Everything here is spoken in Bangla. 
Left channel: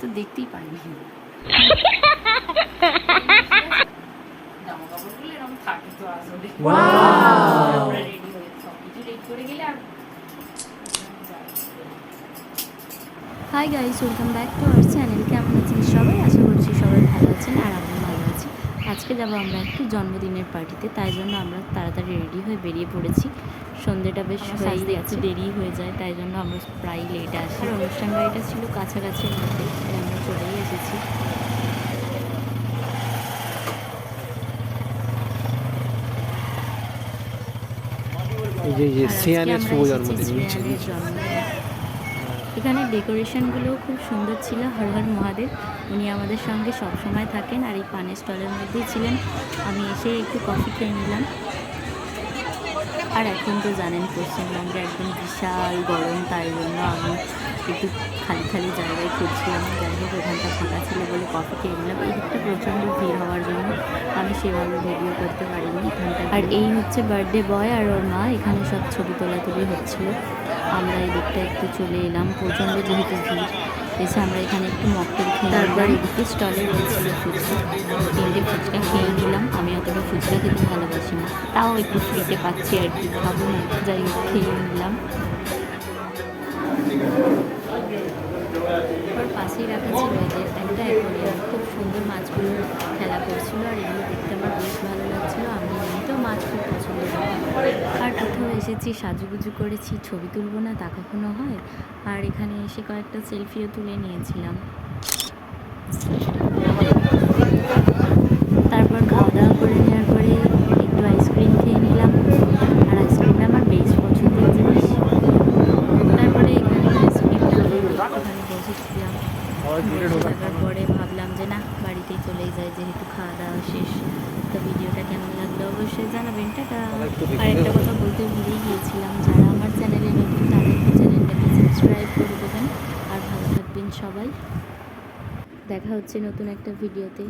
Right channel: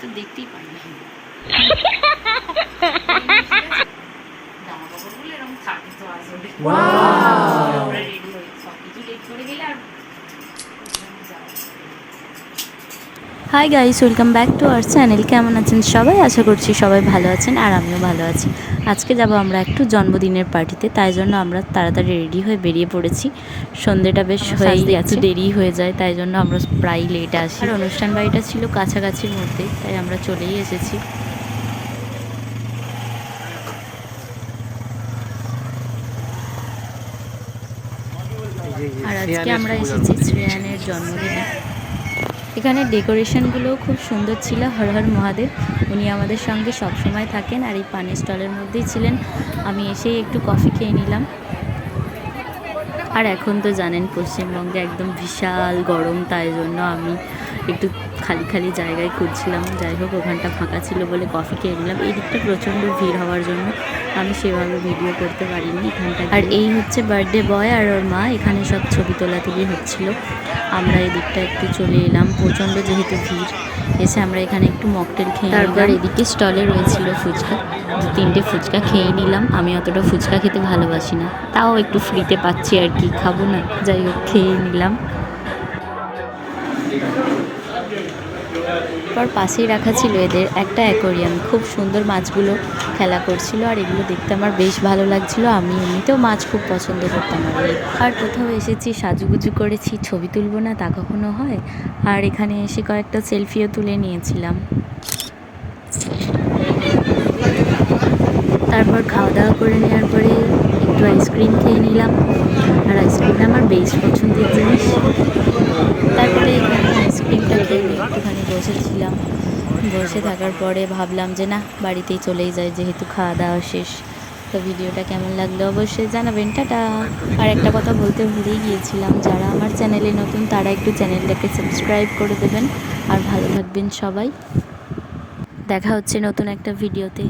তো দেখতেই পাই না জামা কাপড়গুলো এরকম থাকে তো আসলে। আমরা হয়ে সব কিছু ready করে গেলে আর hi guys welcome back to our channel কেমন আছেন সবাই? আশা করছি সবাই ভালো আছেন আর আমিও ভালো আছি। আজকে যাব আমরা একটু জন্মদিনের পার্টিতে তাই জন্য আমরা তাড়াতাড়ি রেডি হয়ে বেরিয়ে পড়েছি। সন্ধ্যেটা বেশ হয়ে গেছে দেরি হয়ে যায় তাই জন্য আমরা প্রায় লেট আসি। আর অনুষ্ঠান বাড়িটা ছিল কাছাকাছির মধ্যে তাই আমরা চলেই এসেছি। আর আজকে আমরা এসেছি। শ্রেয়ানের জন্মদিনে। এখানে ডেকোরেশনগুলোও খুব সুন্দর ছিল, হর হর মহাদেব। উনি আমাদের সঙ্গে সবসময় থাকেন আর এই পানের স্টলের মধ্যেই ছিলেন। আমি এসেই একটু কফি খেয়ে নিলাম। আর এখন তো জানেন পশ্চিমবঙ্গে একদম বিশাল গরম, তাই জন্য আমি একটু খালি খালি জায়গায় খুঁজছিলাম। যাই হোক ওখানটা ফাঁকা ছিল বলে কফি খেয়ে নিলাম। এই দিকটা প্রচণ্ড ভিড় হওয়ার জন্য আমি সেভাবে ভিডিও করতে পারিনি এখানটা আর এই হচ্ছে বার্থডে বয় আর ওর মা এখানে সব ছবি তোলাতুলি হচ্ছিল। আমরা এই দিকটা একটু চলে এলাম। প্রচণ্ড যেহেতু ভিড় এসে আমরা এখানে একটু মকটেল খেয়ে তারপর? এদিকে স্টলে রয়েছিল ফুচকা। তিনটে ফুচকা খেয়ে নিলাম। আমি অতটা ফুচকা খেতে ভালোবাসি না তাও একটু ফ্রিতে পাচ্ছি আর কি খাব না। যাই হোক খেয়ে নিলাম। তারপর পাশেই রাখা ছিল এদের একটা অ্যাকোরিয়াম। খুব সুন্দর মাছগুলো খেলা করছিল আর এগুলো দেখতে আমার বেশ ভালো লাগছিল। আমি এমনিতেও মাছ খুব পছন্দ করতাম। আর কোথাও এসেছি, সাজুগুজু করেছি, ছবি তুলবো না তা কখনো হয়? আর এখানে এসে কয়েকটা সেলফিও তুলে নিয়েছিলাম। তারপর খাওয়া দাওয়া করে নেওয়ার পরে একটু আইসক্রিম খেয়ে নিলাম। আর আইসক্রিমটা আমার বেশ পছন্দের জিনিস তারপরে এখানে আইসক্রিমটা খেয়ে একটুখানি বসেছিলাম বসে থাকার পরে ভাবলাম যে না, বাড়িতেই চলেই যায় যেহেতু খাওয়া দাওয়া শেষ। তো ভিডিওটা কেমন লাগল অবশ্যই জানাবেন। টাটা। আর একটা কথা বলতে ভুলেই গিয়েছিলাম, যারা আমার চ্যানেলে নতুন তারা একটু চ্যানেলটাকে সাবস্ক্রাইব করে দেবেন। আর ভালো থাকবেন সবাই। দেখা হচ্ছে নতুন একটা ভিডিওতে।